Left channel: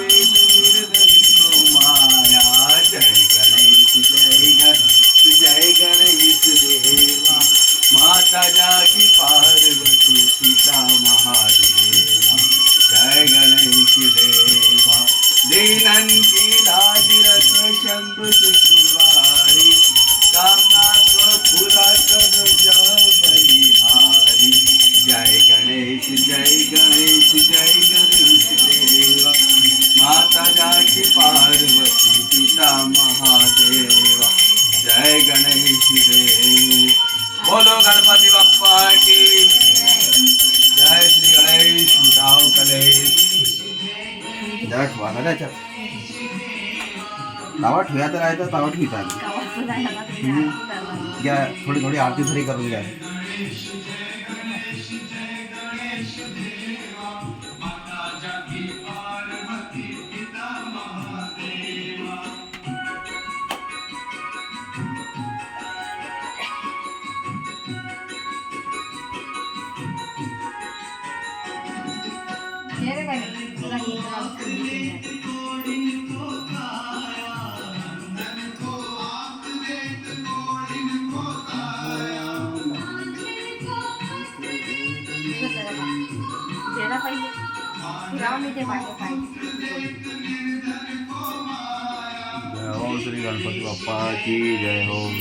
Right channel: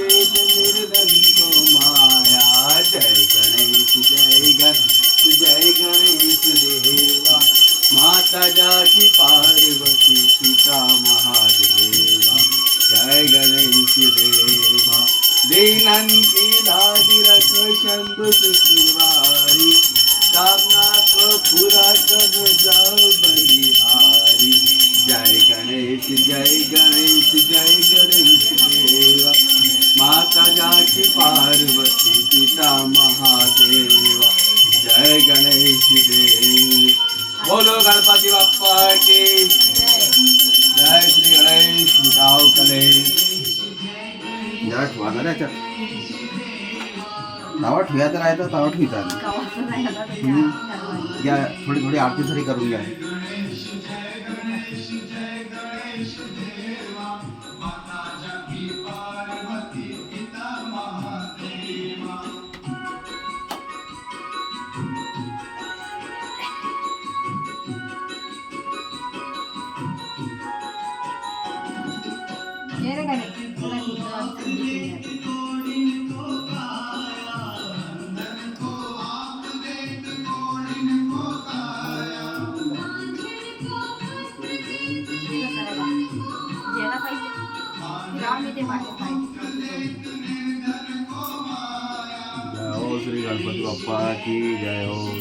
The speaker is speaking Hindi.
पेट निर्धन को माया। जय गणेश जय गणेश जय गणेश देवा। माता जाकी पार्वती पिता महादेवा। जय गणेश देवा। दीनन की लाज रख शंभु सुखवारी। कामना को पूरा कर जाओ बलिहारी। जय गणेश जय गणेश जय गणेश देवा। माता जाकी पार्वती पिता महादेवा। जय गणेश देव। बोलो गणपति बाप्पा की जय। श्री गणेश मिटाओ कलेश। जरा ठेवा ना त्याच्यात तावा ठेवा तर आहे तर तावा ठेवता घ्या। थोडी थोडी आरती थोडी करून घ्या. जय हो श्री गणपति बाप्पा की जय हो।